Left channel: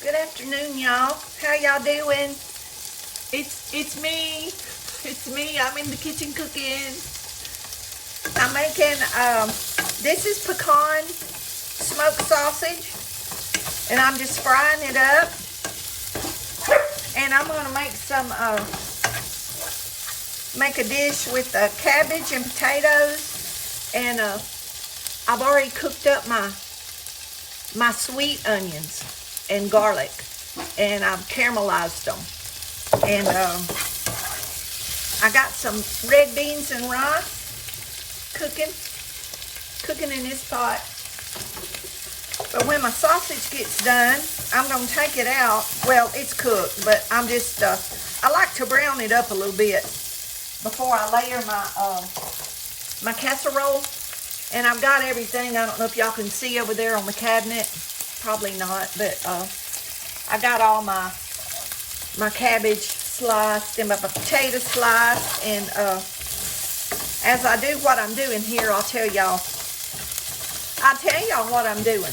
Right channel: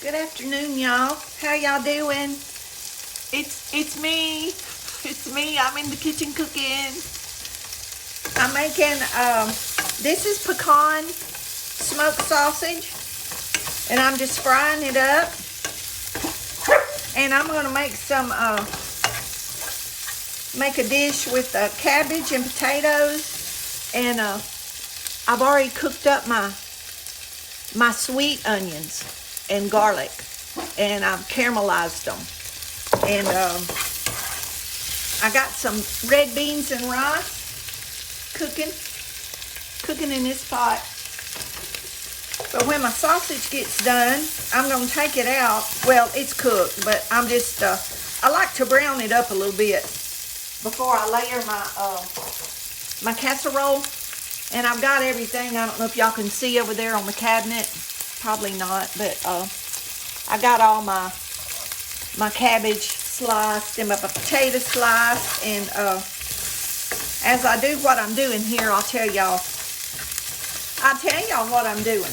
Good afternoon, y'all. How y'all doing? It's me. It's me. I'm in the kitchen cooking. I'm making this is pecan smoked sausage, and I'm just frying it up. And I'm gonna make some make a dish with cabbage and potatoes, and I've already cooked up my sweet onions and garlic, and I've caramelized them. And I got some red beans and rice cooking in this pot. But when my sausage gets done, I'm gonna take it out. Well, it's cooked, but I'm just I like to brown it up a little bit before I layer my casserole. And I've got everything. I don't know if y'all can see over there on the cabinet. Probably not, but I got all my cabbage sliced and my potato sliced. And as I do what I'm doing here, I'll tell y'all what I'm doing.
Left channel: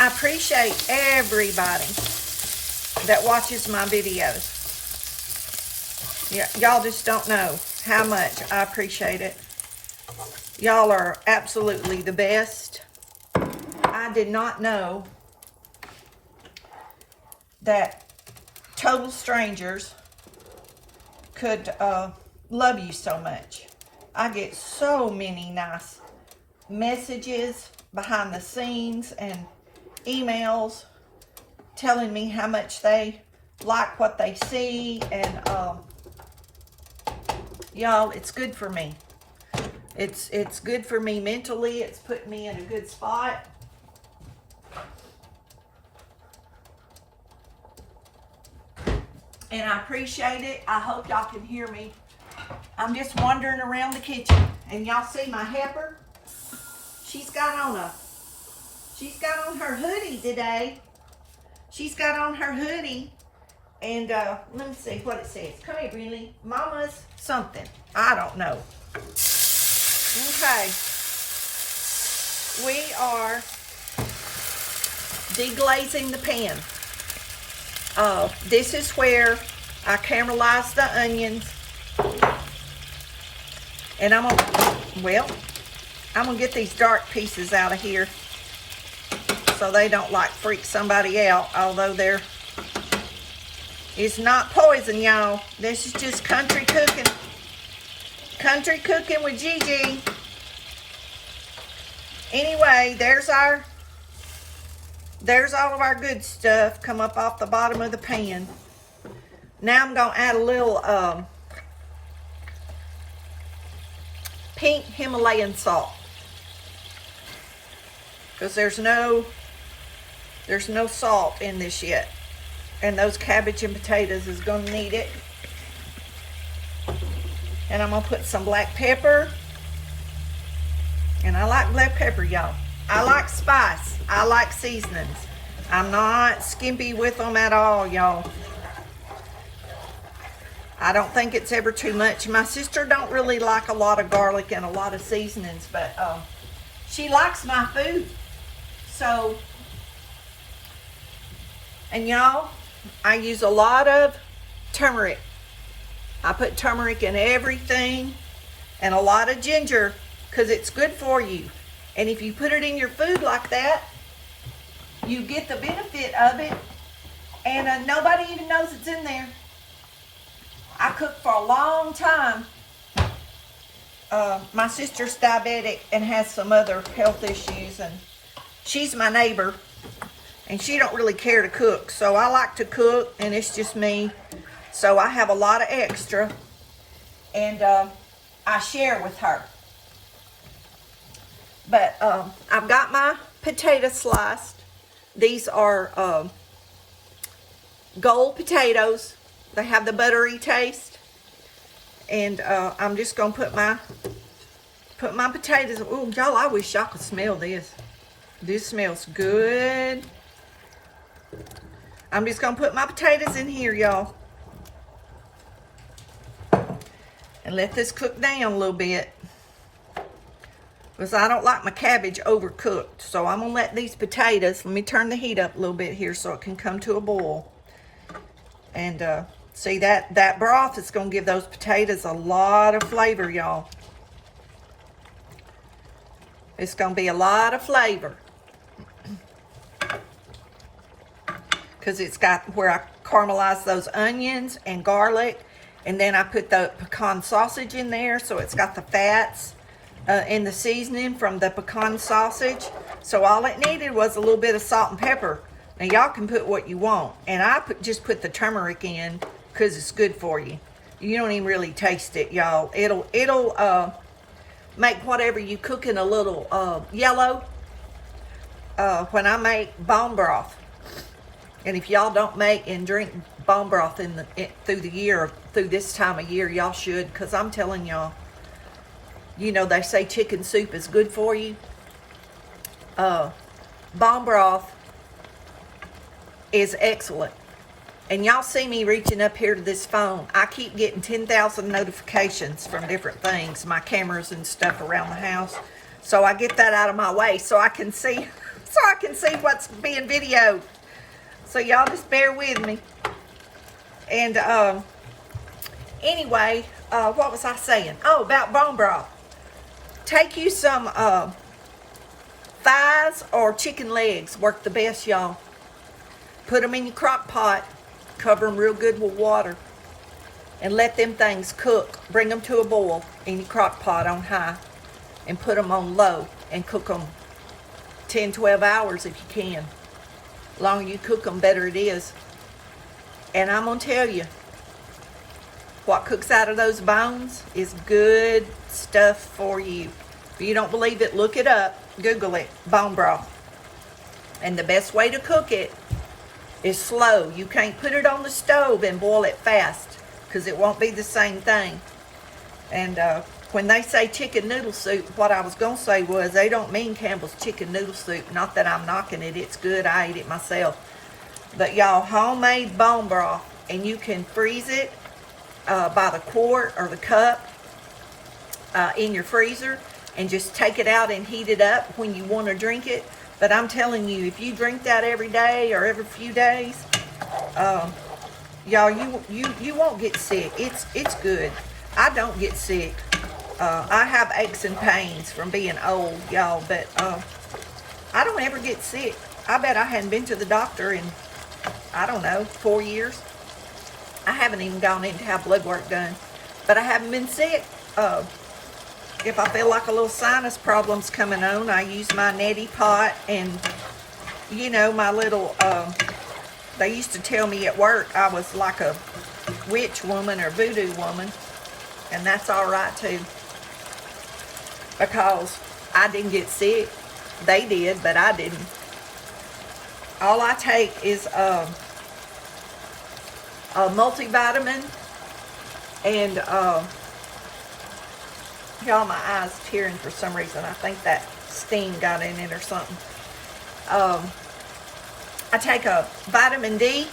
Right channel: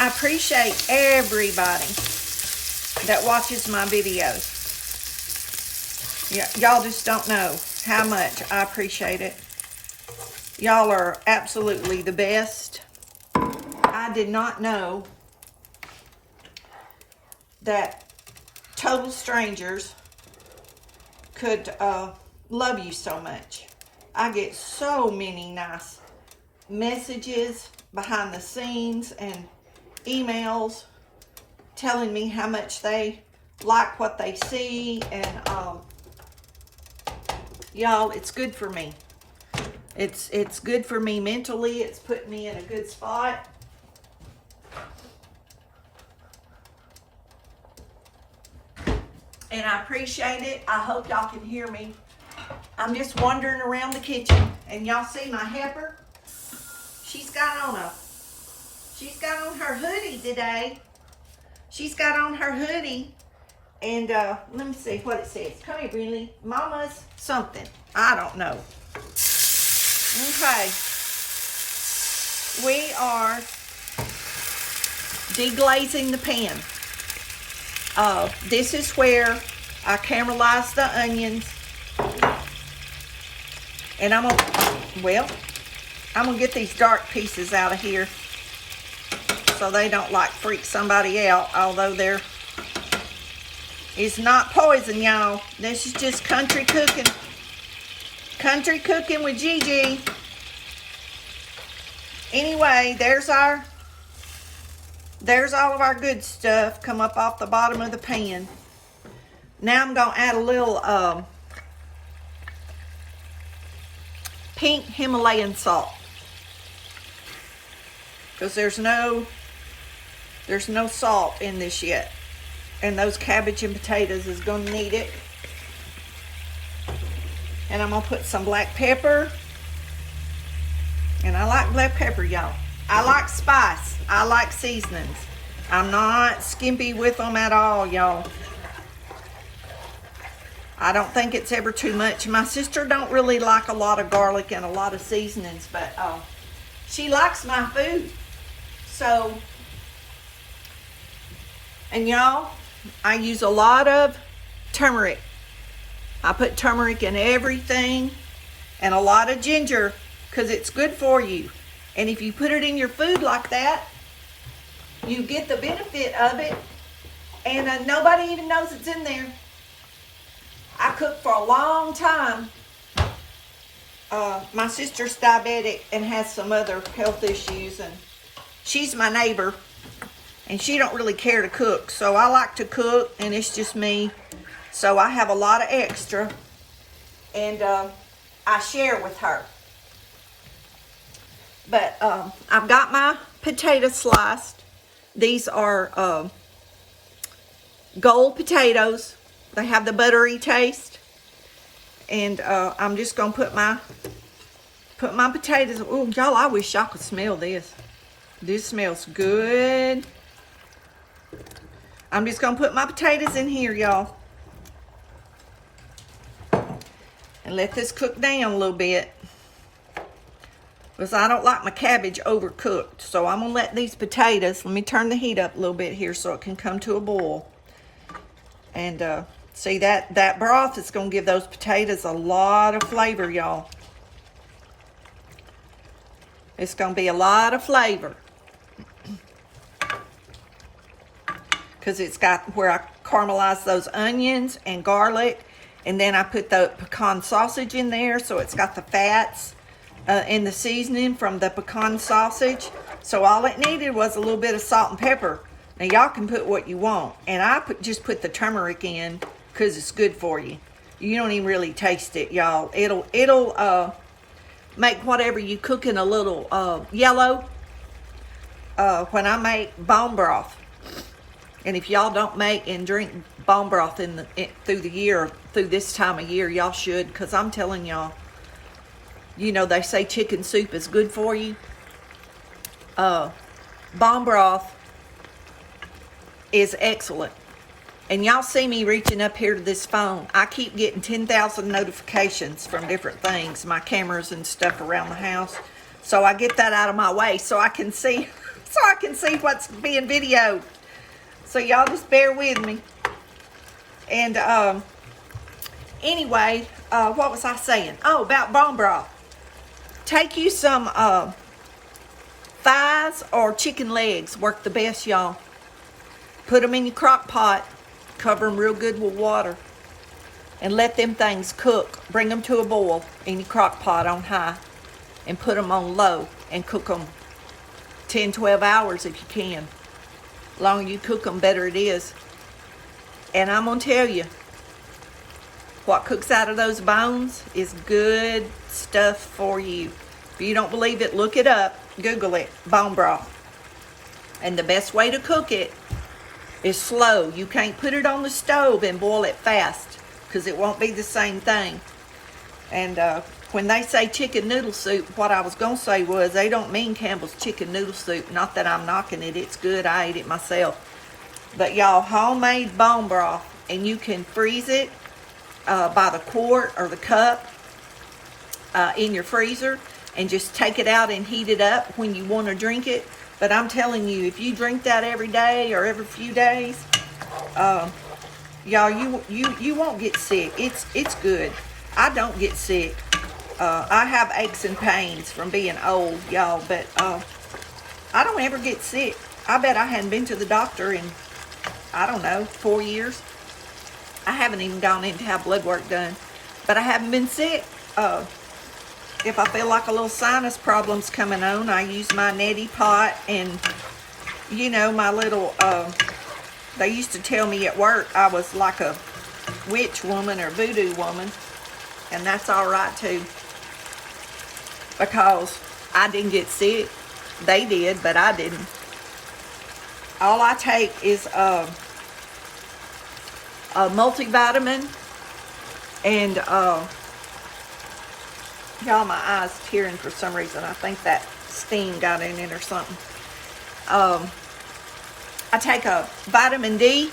I appreciate everybody that watches my videos. Yeah, y'all just don't know how much I appreciate it. Y'all are absolutely the best. I did not know that total strangers could love you so much. I get so many nice messages behind the scenes and emails telling me how much they like what they see, and y'all, it's good for me. It's good for me mentally. It's put me in a good spot. And I appreciate it. I hope y'all can hear me. I'm just wandering around the kitchen, and y'all see my heifer. She's got on her hoodie today. She's got on her hoodie, and let me see what it says. Come here, really, Mama's something. I don't know. Okay, we are deglazing the pan. This is where I caramelize the onions, and I'm gonna get these dark pieces out of here so they don't like freak somebody out. Although there is not poison, y'all. This is just country cooking. Country cooking with Gigi. Anyway, there's all of our good stuff come up off the bottom of the pan. Now I'm gonna add a little pink Himalayan salt, because there's no salt in this yet, and those cabbage and potatoes is gonna need it. And I'm gonna put some black pepper. And I like black pepper, y'all. I like spice. I like seasonings. I'm not skimpy with them at all, y'all. I don't think it's ever too much. My sister don't really like a lot of garlic and a lot of seasonings, but she likes my food. So, and y'all, I use a lot of turmeric. I put turmeric in everything, and a lot of ginger, because it's good for you. And if you put it in your food like that, you get the benefit of it, and nobody even knows it's in there. I cooked for a long time. My sister's diabetic and has some other health issues, and she's my neighbor, and she don't really care to cook. So I like to cook, and it's just me. So I have a lot of extra, and I share with her. But I've got my potato sliced. These are gold potatoes. They have the buttery taste. And I'm just gonna put my potatoes. Oh, y'all, I wish y'all could smell this. This smells good. I'm just gonna put my potatoes in here, y'all, and let this cook down a little bit. because I don't like my cabbage overcooked. So I'm gonna let these potatoes, let me turn the heat up a little bit here so it can come to a boil. And see, that broth is gonna give those potatoes a lot of flavor, y'all. It's gonna be a lot of flavor. Because it's got where I caramelize those onions and garlic, and then I put the pecan sausage in there, so it's got the fats in the seasoning from the pecan sausage. So all it needed was a little bit of salt and pepper. Now y'all can put what you want, and I just put the turmeric in because it's good for you. You don't even really taste it, y'all. It'll make whatever you cooking a little yellow. When I make bone broth. And if y'all don't make and drink bone broth through the year, through this time of year, y'all should, because I'm telling y'all, you know, they say chicken soup is good for you. Bone broth is excellent. And y'all see me reaching up here to this phone. I keep getting 10,000 notifications from different things, my cameras and stuff around the house. So I get that out of my way so I can see, what's being videoed. So y'all just bear with me. And anyway, what was I saying? Oh, about bone broth. Take you some thighs or chicken legs. Work the best, y'all. Put them in your crock pot. Cover them real good with water. And let them things cook. Bring them to a boil in your crock pot on high. And put them on low. And cook them 10, 12 hours if you can. The longer you cook them, better it is. And I'm going to tell you, what cooks out of those bones is good stuff for you. If you don't believe it, look it up. Google it. Bone broth. And the best way to cook it is slow. You can't put it on the stove and boil it fast, because it won't be the same thing. And when they say chicken noodle soup, what I was going to say was they don't mean Campbell's chicken noodle soup. Not that I'm knocking it. It's good. I ate it myself. But y'all, homemade bone broth, and you can freeze it by the quart or the cup in your freezer, and just take it out and heat it up when you want to drink it. But I'm telling you, if you drink that every day or every few days, y'all, you won't get sick. It's good. I don't get sick. I have aches and pains from being old, y'all, but I don't ever get sick. I bet I hadn't been to the doctor in, I don't know, 4 years. I haven't even gone in to have blood work done, but I haven't been sick. If I feel like a little sinus problem's coming on, I use my neti pot and, you know, my little, they used to tell me at work I was like a witch woman or voodoo woman, and that's all right too, because I didn't get sick. They did, but I didn't. All I take is a multivitamin, and y'all, my eyes tearing for some reason. I think that steam got in it or something. I take a vitamin D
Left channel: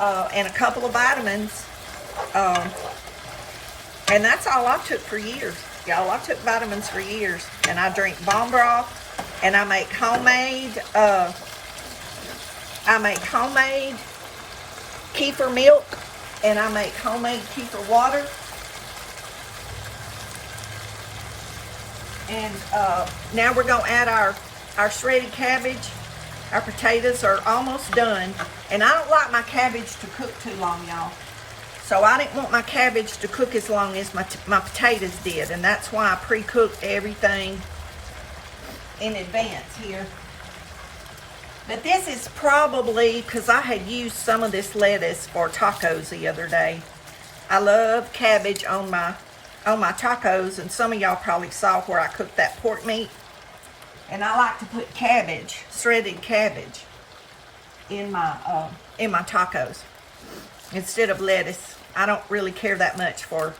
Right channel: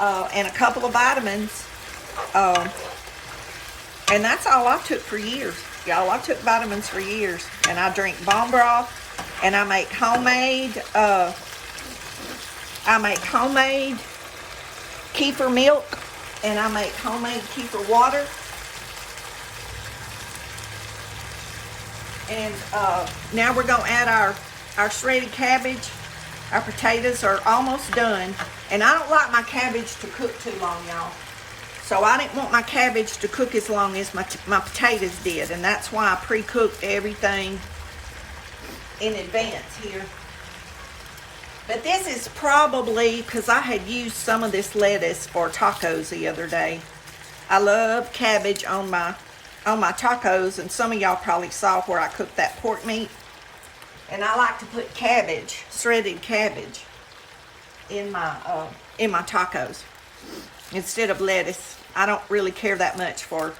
and a couple of vitamins, and that's all I took for years. Y'all, I took vitamins for years, and I drink bone broth, and I make homemade kefir milk, and I make homemade kefir water. And now we're going to add our shredded cabbage. Our potatoes are almost done. And I don't like my cabbage to cook too long, y'all. So I didn't want my cabbage to cook as long as my potatoes did. And that's why I pre-cooked everything in advance here. But this is probably, because I had used some of this lettuce for tacos the other day. I love cabbage on my tacos, and some of y'all probably saw where I cooked that pork meat. And I like to put cabbage, shredded cabbage, in my tacos instead of lettuce. I don't really care that much for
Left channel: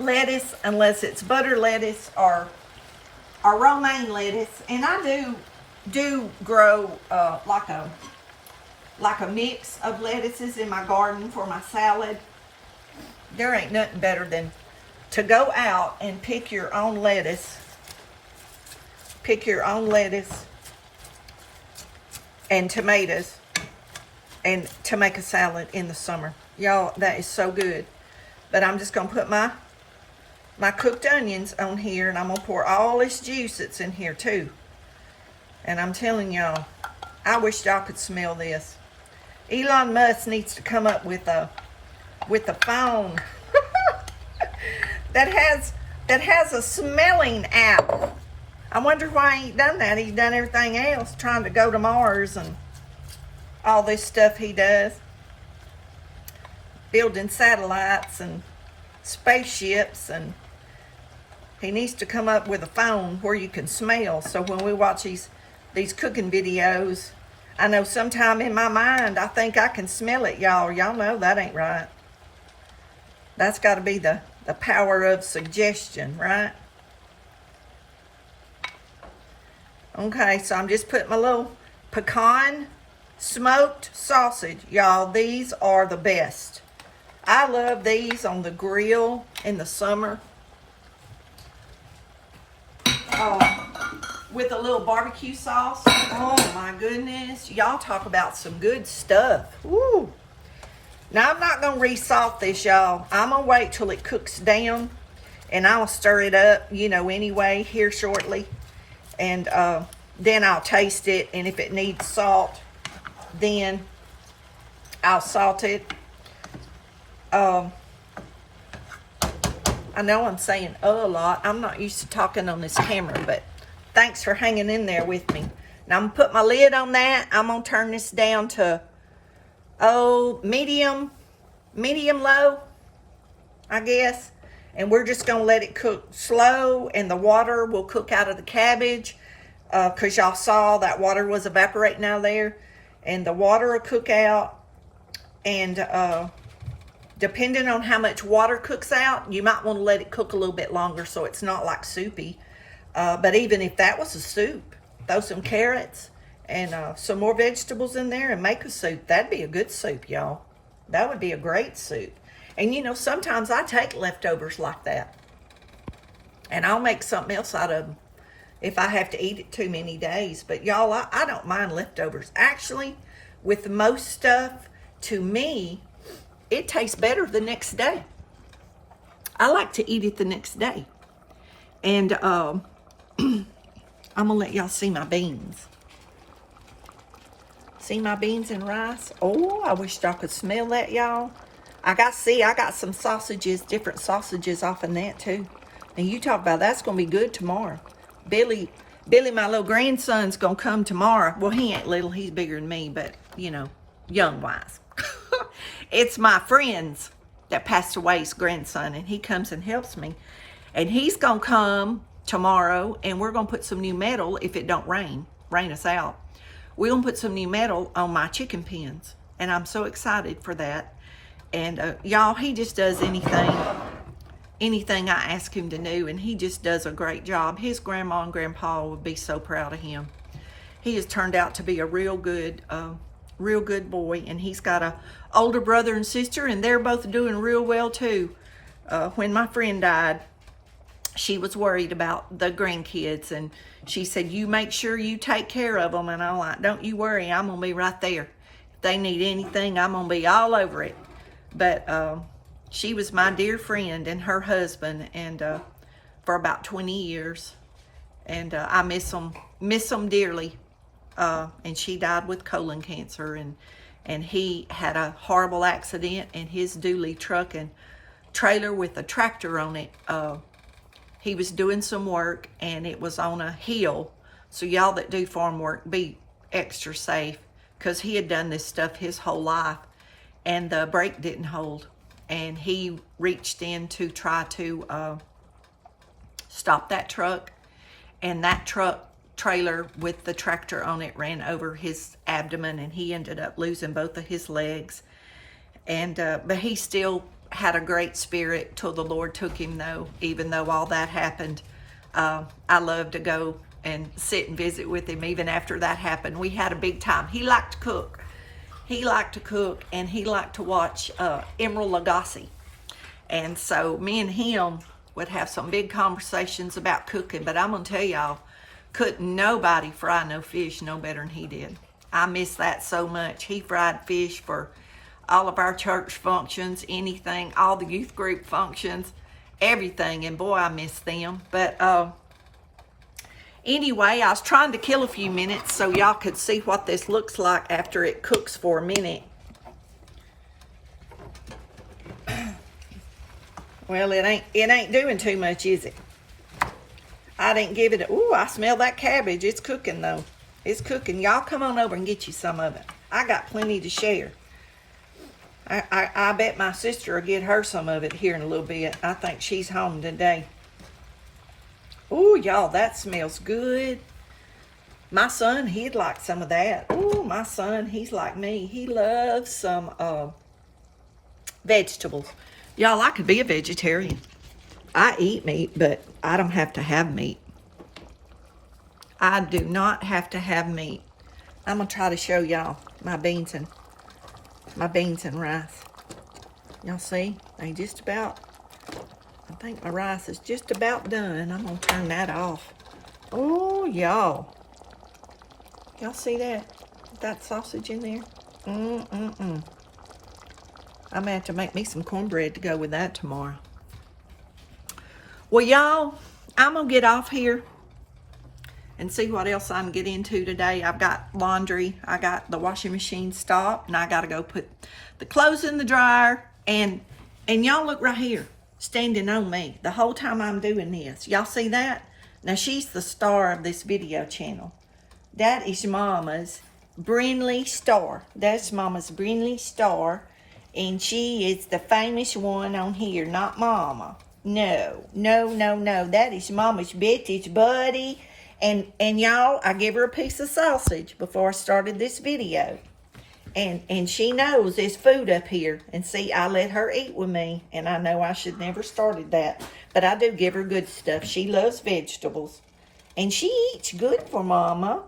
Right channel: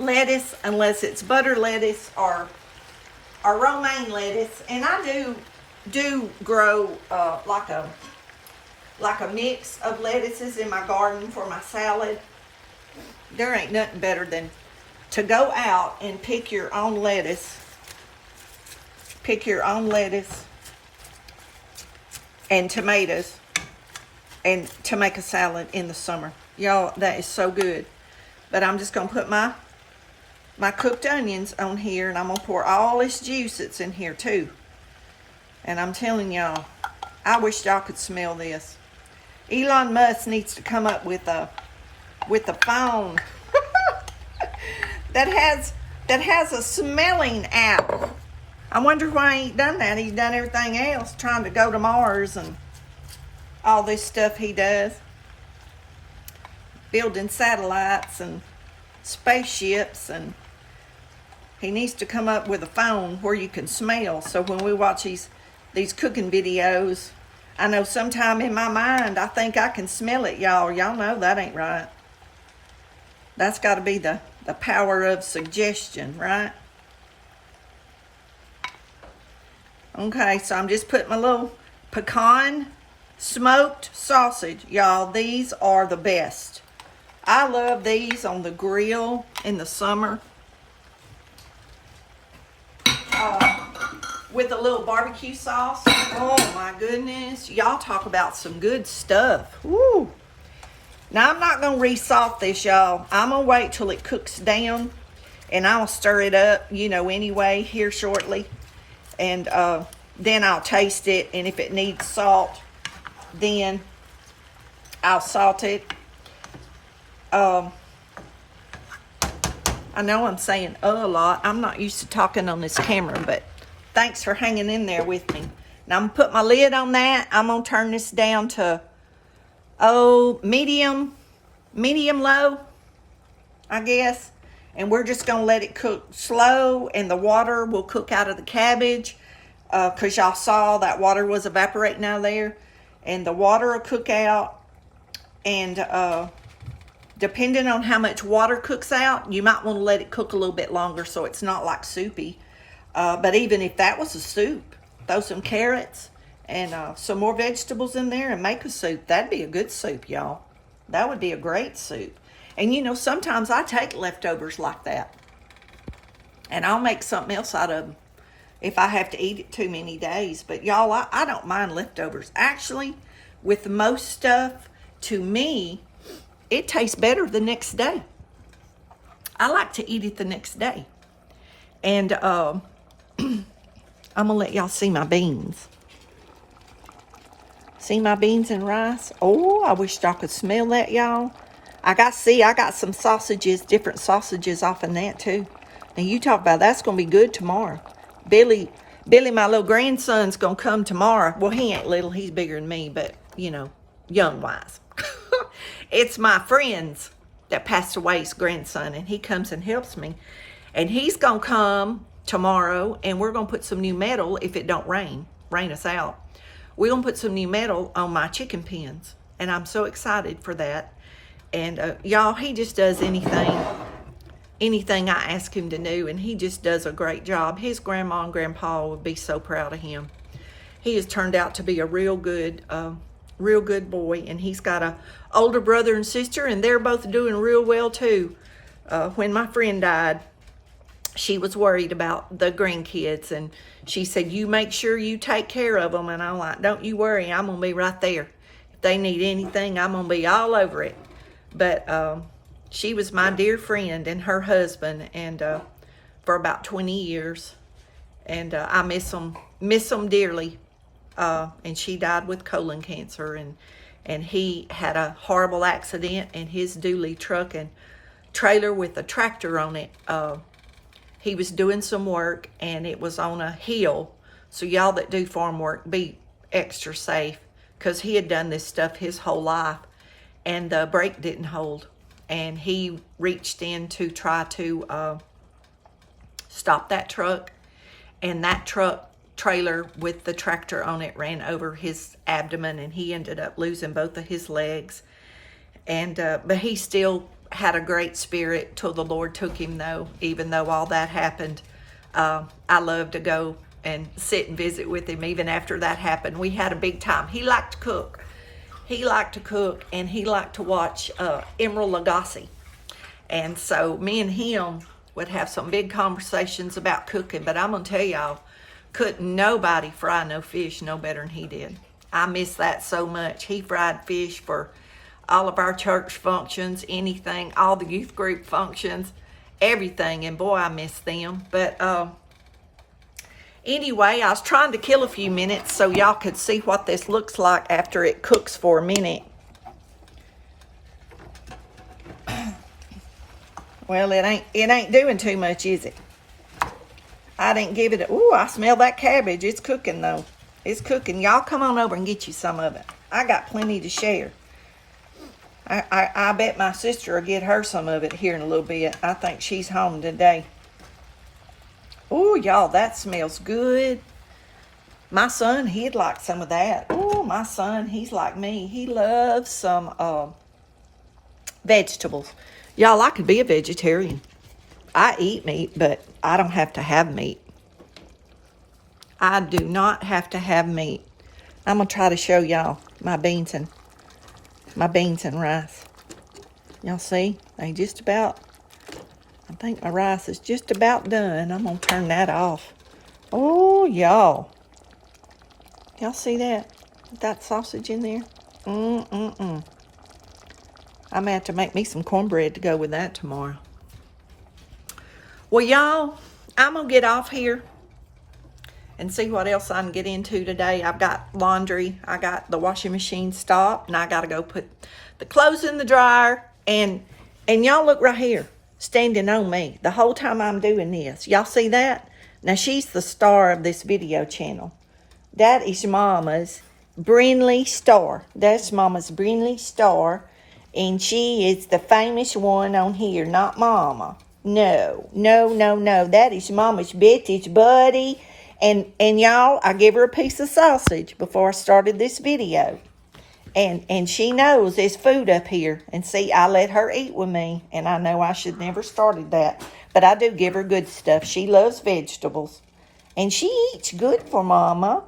lettuce unless it's butter lettuce or romaine lettuce. And I do grow like a mix of lettuces in my garden for my salad. There ain't nothing better than to go out and pick your own lettuce. Pick your own lettuce and tomatoes and to make a salad in the summer. Y'all, that is so good. But I'm just going to put my cooked onions on here, and I'm going to pour all this juice that's in here too. And I'm telling y'all, I wish y'all could smell this. Elon Musk needs to come up with a phone that has a smelling app. I wonder why he ain't done that. He's done everything else, trying to go to Mars and all this stuff he does. Building satellites and spaceships, and he needs to come up with a phone where you can smell. So when we watch these cooking videos, I know sometime in my mind, I think I can smell it, y'all. Y'all know that ain't right. That's got to be the power of suggestion, right? Okay, so I'm just putting my little pecan smoked sausage. Y'all, these are the best. I love these on the grill in the summer. With a little barbecue sauce. Oh my goodness. Y'all talk about some good stuff. Woo. Now I'm not going to re-salt this, y'all. I'm going to wait till it cooks down, and I'll stir it up, you know, anyway, here shortly. And then I'll taste it, and if it needs salt, then I'll salt it. I know I'm saying a lot. I'm not used to talking on this camera, but thanks for hanging in there with me. Now I'm going to put my lid on that. I'm going to turn this down to, medium low, I guess. And we're just going to let it cook slow, and the water will cook out of the cabbage, because y'all saw that water was evaporating out of there. And the water will cook out, and depending on how much water cooks out, you might want to let it cook a little bit longer so it's not like soupy. But even if that was a soup, throw some carrots and some more vegetables in there and make a soup. That'd be a good soup, y'all. That would be a great soup. And you know, sometimes I take leftovers like that, and I'll make something else out of them if I have to eat it too many days. But y'all, I don't mind leftovers. Actually, with most stuff, to me, it tastes better the next day. I like to eat it the next day. And I'm going to let y'all see my beans. See my beans and rice? Oh, I wish y'all could smell that, y'all. I got some sausages, different sausages off in that too. And you talk about that's going to be good tomorrow. Billy, my little grandson's going to come tomorrow. Well, he ain't little. He's bigger than me, but, you know, young-wise. It's my friend's that passed away's grandson, and he comes and helps me. And he's going to come tomorrow, and we're going to put some new metal, if it don't rain us out. We're going to put some new metal on my chicken pens, and I'm so excited for that. And y'all, he just does anything I ask him to do, and he just does a great job. His grandma and grandpa would be so proud of him. He has turned out to be a real good boy, and he's got a older brother and sister, and they're both doing real well too. When my friend died, she was worried about the grandkids, and she said, you make sure you take care of them. And I'm like, don't you worry, I'm gonna be right there. If they need anything, I'm gonna be all over it. But she was my dear friend and her husband, and for about 20 years, and I miss them dearly. And she died with colon cancer, and he had a horrible accident, and his dually truck and trailer with a tractor on it, he was doing some work, and it was on a hill. So y'all that do farm work, be extra safe, because he had done this stuff his whole life, and the brake didn't hold, and he reached in to try to stop that truck, and that truck trailer with the tractor on it ran over his abdomen, and he ended up losing both of his legs. And but he still had a great spirit till the Lord took him, though. Even though all that happened, I love to go and sit and visit with him. Even after that happened, we had a big time. He liked to cook. And he liked to watch Emeril Lagasse. And so me and him would have some big conversations about cooking, but I'm gonna tell y'all, couldn't nobody fry no fish no better than he did. I miss that so much. He fried fish for all of our church functions, anything, all the youth group functions, everything, and boy, I miss them. But anyway, I was trying to kill a few minutes so y'all could see what this looks like after it cooks for a minute. Well, it ain't doing too much, is it? I didn't give it ooh, I smell that cabbage. It's cooking, though. It's cooking. Y'all come on over and get you some of it. I got plenty to share. I bet my sister will get her some of it here in a little bit. I think she's home today. Ooh, y'all, that smells good. My son, he'd like some of that. Ooh, my son, he's like me. He loves some vegetables. Y'all, I could be a vegetarian. I eat meat, but I don't have to have meat. I do not have to have meat. I'm going to try to show y'all my beans and rice. Y'all see? They just about, I think my rice is just about done. I'm going to turn that off. Oh, y'all. Y'all see that? That sausage in there? I'm going to have to make me some cornbread to go with that tomorrow. Well, y'all, I'm going to get off here and see what else I can get into today. I've got laundry. I got the washing machine stopped, and I got to go put the clothes in the dryer. And y'all look right here, standing on me the whole time I'm doing this. Y'all see that? Now, she's the star of this video channel. That is Mama's Brinley Star. That's Mama's Brinley Star. And she is the famous one on here, not Mama. No. That is Mama's Betty's buddy. And y'all, I give her a piece of sausage before I started this video. And she knows there's food up here. And see, I let her eat with me. And I know I should never started that. But I do give her good stuff. She loves vegetables. And she eats good for Mama.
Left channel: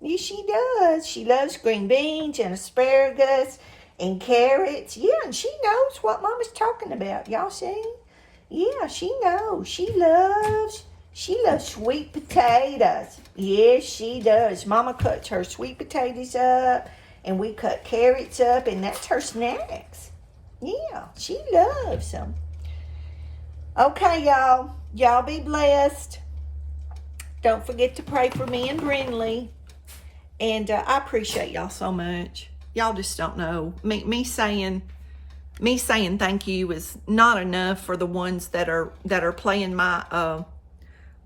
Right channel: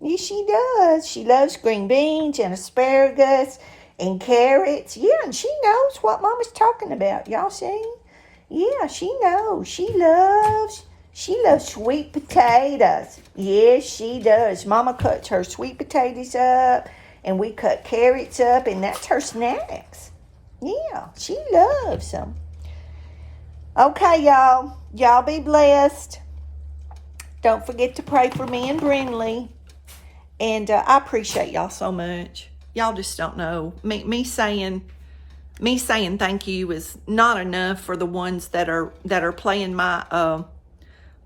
Yes, she does. She loves green beans and asparagus and carrots. Yeah, and she knows what Mama's talking about. Y'all see? Yeah, she knows. She loves sweet potatoes. Yes, she does. Mama cuts her sweet potatoes up, and we cut carrots up, and that's her snacks. Yeah, she loves them. Okay, y'all. Y'all be blessed. Don't forget to pray for me and Brinley. And I appreciate y'all so much. Y'all just don't know. Me saying thank you is not enough for the ones that are playing my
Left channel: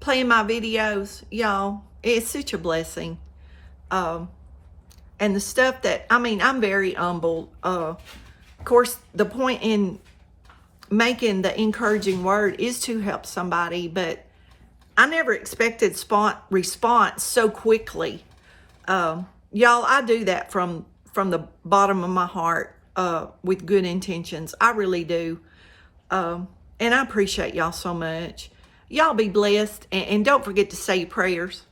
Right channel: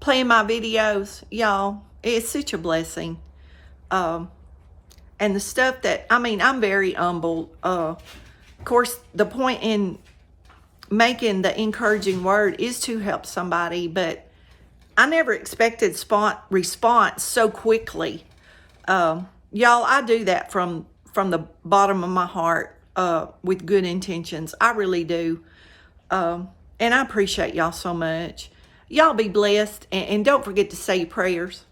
videos, y'all. It's such a blessing. And the stuff that, I'm very humble. Of course, the point in making the encouraging word is to help somebody, but I never expected response so quickly. Y'all, I do that from the bottom of my heart, with good intentions. I really do. And I appreciate y'all so much. Y'all be blessed, and don't forget to say your prayers.